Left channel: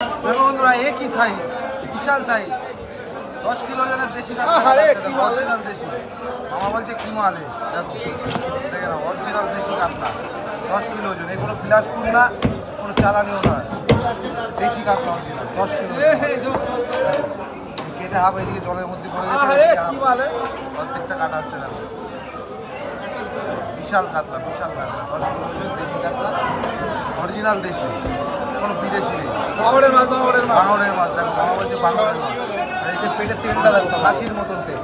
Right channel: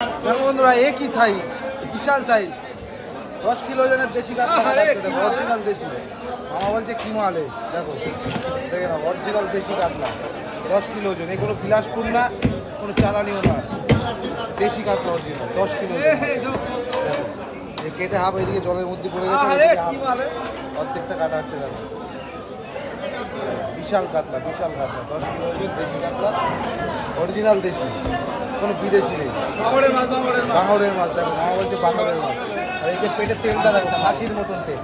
দেখো বন্ধুরা একই সাইজ, বিশাল সাইজ, 10 কিলো ওজনের দেশি কাতলা। অরিজিনাল দেশি, আমার বলছে কি মালে, দেখো অরিজিনাল দেশি কাতলা 10 কিলো ওজন। এগুলো বিলাসপুর না, কোনো চালানিও না, দেশি কাতলা 10 কিলো। কেটে হাফ এদিকে জলের মধ্যে পড়ে গেছে, প্রত্যেকটা কাটা হচ্ছে। বিশাল কাতলা, বিশাল কাতলা, 10 কিলো ওজন দেশি কাতলা, অরিজিনাল দেশি, কোনো বিদেশি নেই। বাংলার মাছ, বাংলার মাছ, বাংলার মাছ। বাংলা বলছে বাংলার মাছ। এই যে পেটের তেলটা দেখো, হাসির মতন তেল,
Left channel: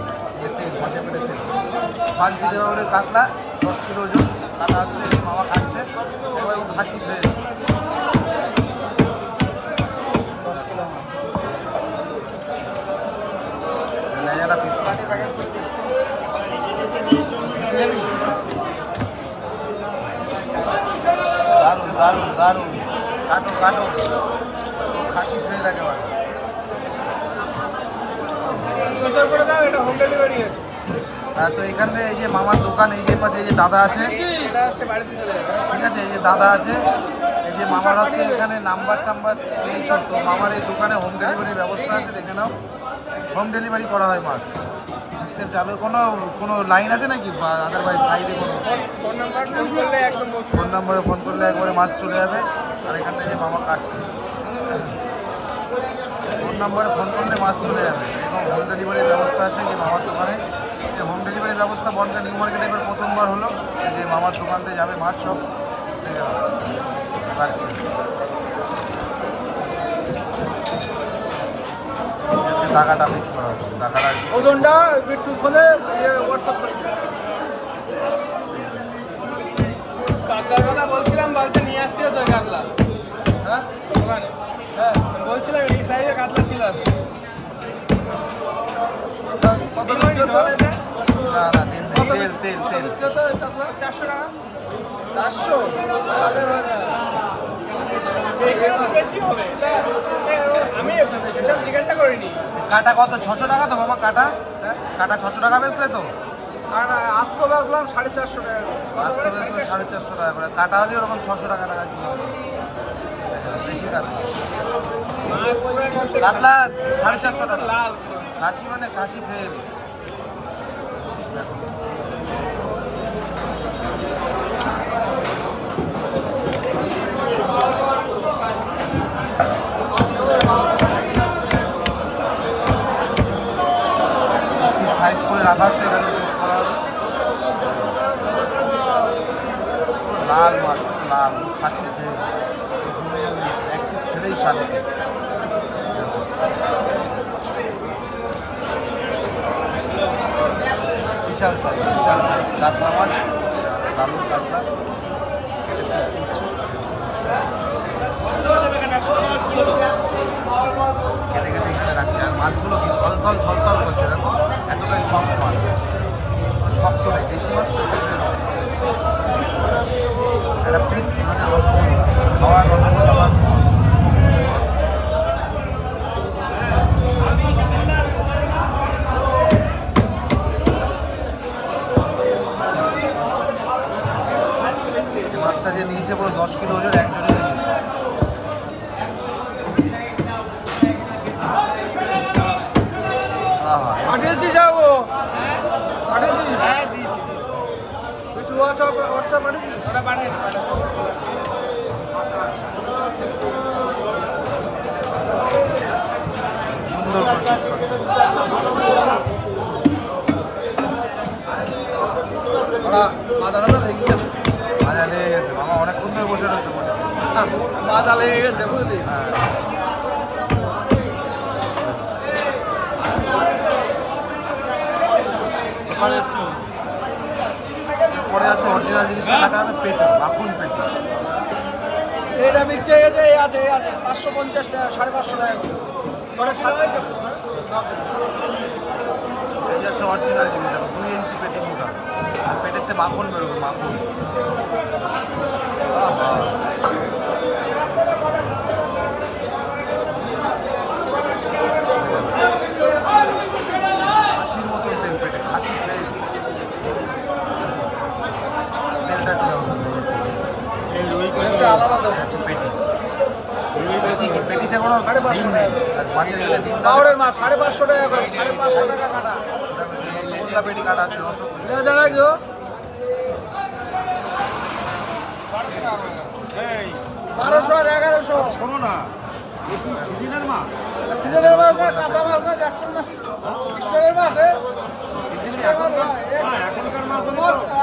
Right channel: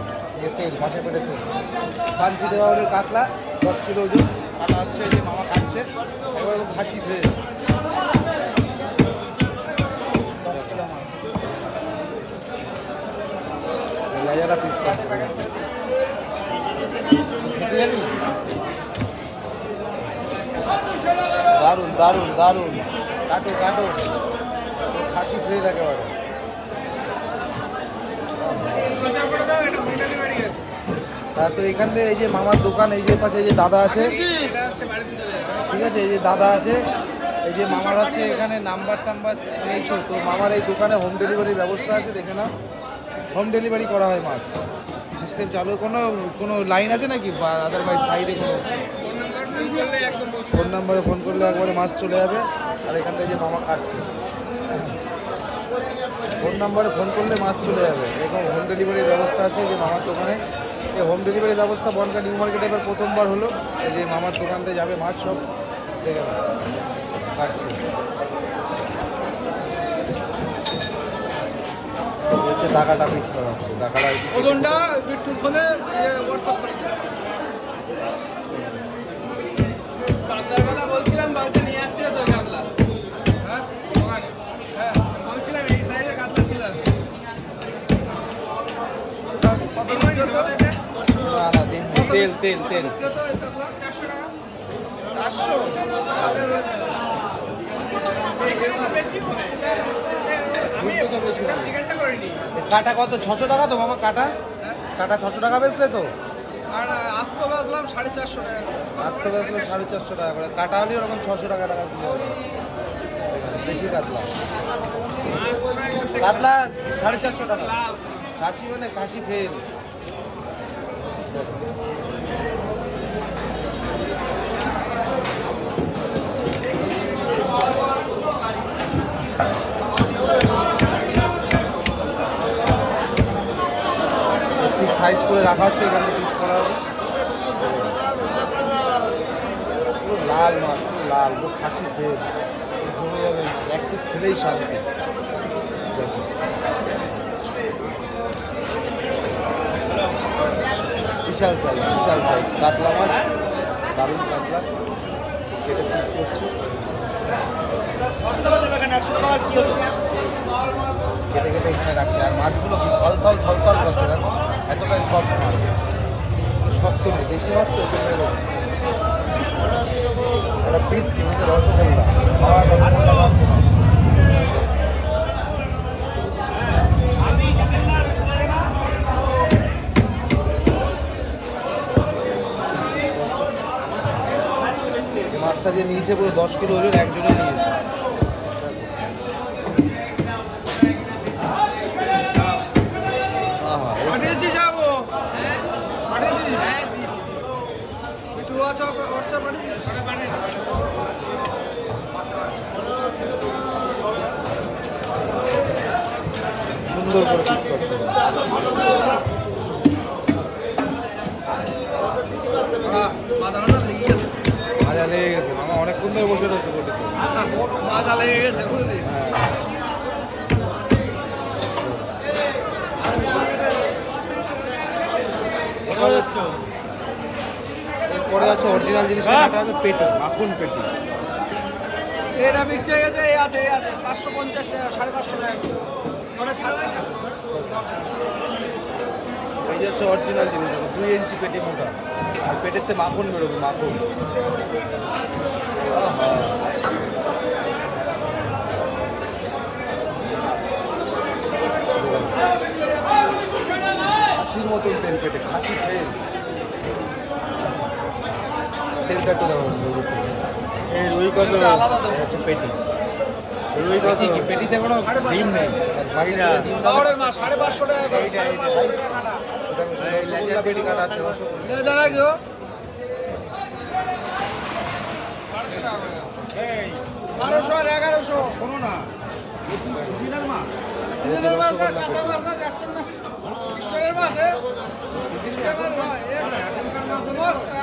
ফাঁসি দেওয়া হলে কাতলা 10 কিলো ওজন, কাটা হচ্ছে, খাচ্ছে, হাসি খেয়ে তো এখানে এই যে মামার দোকান, এই যে পাশে এই যে দাদা আছে, ঠিক আছে, এই যে দাদা আছে, এই যে মামার আছে, এখানে নাম্বার টাম্বার নিয়েছে। তো মামার এই দোকানে হোম ডেলিভারির ব্যবস্থা আছে, দেখে নাও, হোম ডেলিভারি করা হয় মাছ, সিস্টেম চালু। কোনো লাইন আছে নাকি, আদারওয়াইজ সাইডে কোনো ফোন নাম্বারে ফোন করলে একবারে মাছ চলে যাবে। আর এখান থেকে মামা কাটছে, ফোন নাম্বারে ফোন করলে মাছ চলে যাবে। এবং হোম ডেলিভারির ব্যবস্থা আছে এই যে মামার দোকানে। এই হোম ডেলিভারির ব্যবস্থা বনগাঁ নিউ মার্কেটে এবার প্রথমবার হলো। এই যে মামার দোকান থেকে যাবে মাছ, সব কাটছে। হচ্ছে টাকাটা মিস করা হচ্ছে, টাকাটা ওজনটা একটু ফোনে হোয়াটসঅ্যাপ করে কাতলার কথা বলছিলাম, বাড়িতে নিয়ে আসতে হতো কাতলা। হ্যাঁ হ্যাঁ বলছিলাম এই সাইজের কাতলা ছিল আজকে। কত তেল তেল তেল 400 টাকা, 400 আমি জিজ্ঞাসা করিনি। কাটা কত? 600 টাকা তো মামা, কাটা কাটা 600 টাকা বেচলে তো। আর আস্ত বেচলাম 450 টাকা, আস্ত বেচলে 450 টাকা করে, কাটা হলে ওরকম 600 টাকা টাকা কিলো। বেশি কাতলা, কাতলা 450 টাকা। কাশি মানে কাশি ফেল। সাইজ করে রাখা হচ্ছে, এখানে পিস করা হবে। লাল মাছ, লাল কাশি ফেল, জমে যাবে, একটু খেলেই স্বাদ। বিশাল সাইজ, বিশাল সাইজ কাতলা মাছ, দারুণ কাতলা, কেটে পিস করছি। কেটে কেটে এখানে রাখছে। আর মাছগুলো গল গল ধল ধল করছে না, একদম শক্ত শক্ত নেই, দেশি মাছ তো একটা পিস মাছটা যে নিয়েছে পুরো 10 কিলো ওজন, একজনে নিয়েছে। পাঠিয়েছি, যাবো পাঠিয়েছি, একটু হোয়াটসঅ্যাপ পাঠিয়েছি। সুন্দর মাথা টাথা লেগে গেছে, মাজা লেগে গেছে, আমার অনেকক্ষণ ধরে বসে রয়েছে। মাথা লেগে গেছে, বুঝলি। এরপরে আছে অরিজিনাল জিনিস, কাটা হবে পেটি, মাখন পেটি। এটা বিক্রি হয়ে গেছে, এই আছে 550 টাকা, 550 টাকা কিলো। এই যে হচ্ছে অরিজিনাল জিনিস, 2 ইঞ্চি পেটি মোটা, পেটের থেকে মাখন বেরোবে, মাখন। হাসির মতন তেল পেটে, হাসি তেল, তেলটা একটু দেবো। আলাদা পেটি, রুই পেটি এতে কোনো 550 টাকা। বাইরে পাউডার মাছ 550 টাকা করে, 550 টাকা কাটা। লেজের পেটি কাটা আছে রসগোল্লা। এটা জায়গা কি 1200 আর 1100। শোনো না সিজনের মাছ সিজনের মাছ না, কাঁচা মাছ না, যাচ্ছেন না স্টোরের মাছ এখনকার মাছ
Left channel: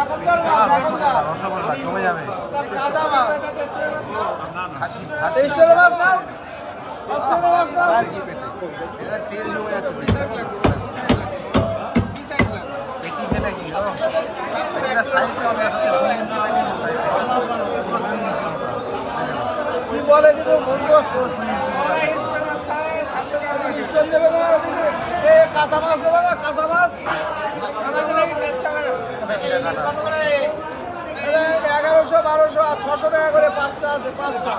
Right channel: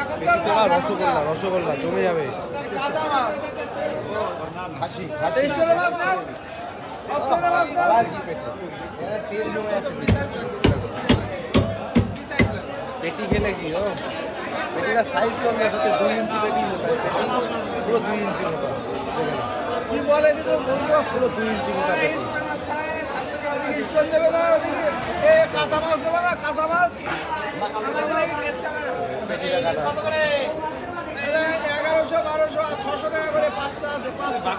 এখনকার মাছ, এখনকার রসগোল্লা জমে যাবে কাঁচা মাছ। খাসি এই স্টোরের মাছ নাও, স্টোরের মাছ নাও। এটা তেল জমে যাচ্ছে দেখি গেলে কি এটা সাইজ কমে সাথে 2 ইঞ্চি পুরো 2 ইঞ্চি কি বলে কিন্তু বলতে পারছো, 2 ইঞ্চি স্টোর দেবে না ওদিকে। এ কাঁচা মাছ দেবে না, কাঁচা মাছ 1100, 1200 আর 600 টাকা করে পাঁচটা আছে, পাঁচটা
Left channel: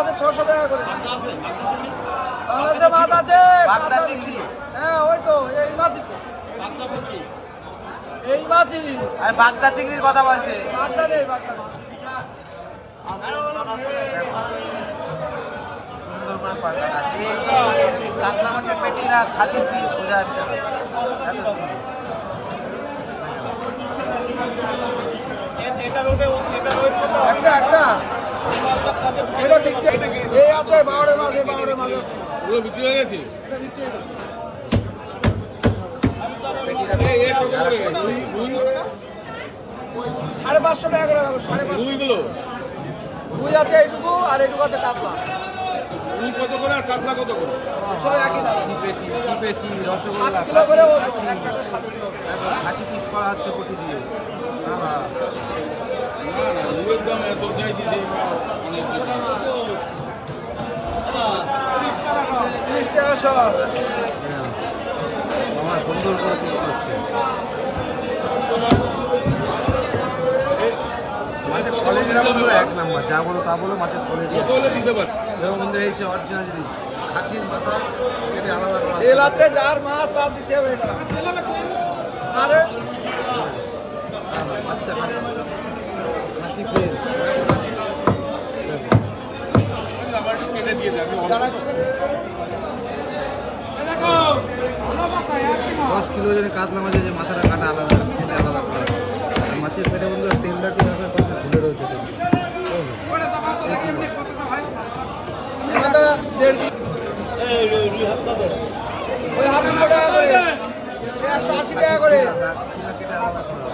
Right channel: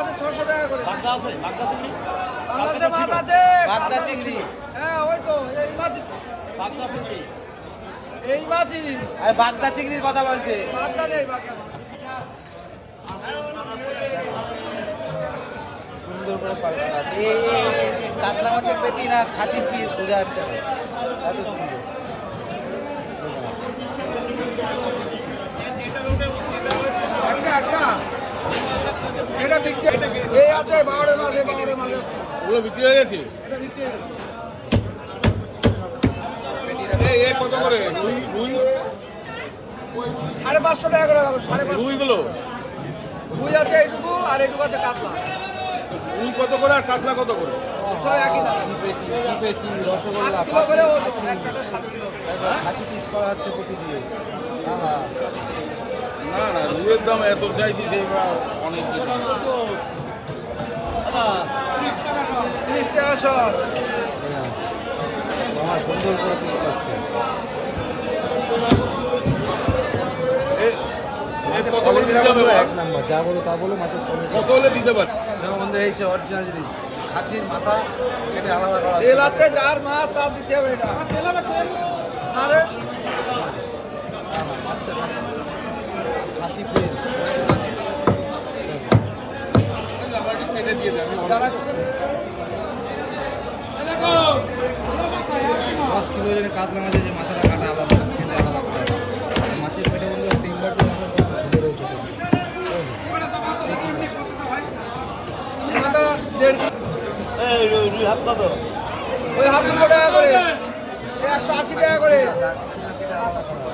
আছে 600 টাকা করে। বাংলাদেশে মাছ আছে, বাগদা চিংড়ি হ্যাঁ ওই তো এই মাছ, এই মাছই আর বাগদা চিংড়ির কথা বলছে বাগদা নেই, বাগদা নেই। কাতলা মাছের পেটি না খাসির পিস বোঝা যাচ্ছে না। একটা একটা এটা বিক্রি, এই আছে 12 মাছ, এই 12 মাছ আছে, ওগুলো বিক্রি হয়ে গেছে এটা বিক্রি হয়ে গেছে। এই কত করে রুই রুই 550 টাকা করে রাখো, 550। রুইগুলো রুই আছে এইটুকু আর এইটুকু আছে কাতলা, রুই কত করে আর কাতলা কত করে? সব একই দাম। কি পেটি 7 রসগোল্লা কিলো করে ওজন, একটা 7 কিলো। খাসি পিস করা হচ্ছে কোটি দিয়ে বাবা না না রুইয়ের দাম এত চাইছি সেই অনেক বেশি। 30 টাকা সব। বাবা সুন্দর করে পিস করছে মাছের কত করে কোয়ালিটি দিতে হবে? এক নাম্বার যা বলো তা বলো মাছের কোয়ালিটি কত হলে দিতে পারে? যেমন বন্ধু এই অরিজিনাল জিনিস খাসির মাথা কেটে আলাদা করা তেল আছে, যার মাছ তার দিতে হবে এটা। আরে আচ্ছা খাসি খাসি ফ্রেশ আমার একটু কেটে দিয়ে দেন আমি যারা 10 কিলো ওজনের কাতলা মাছের যে মাথাটা কাটা আলাদা কেটে আলাদা করা আছে। আর মাছের পেটে বন্ধু তেল লাগবে না কত ঝুলে রয়েছে তো এটা 1.5 ওই 250 টাকা করে, 180 টাকা করে। কেটে আলাদা করা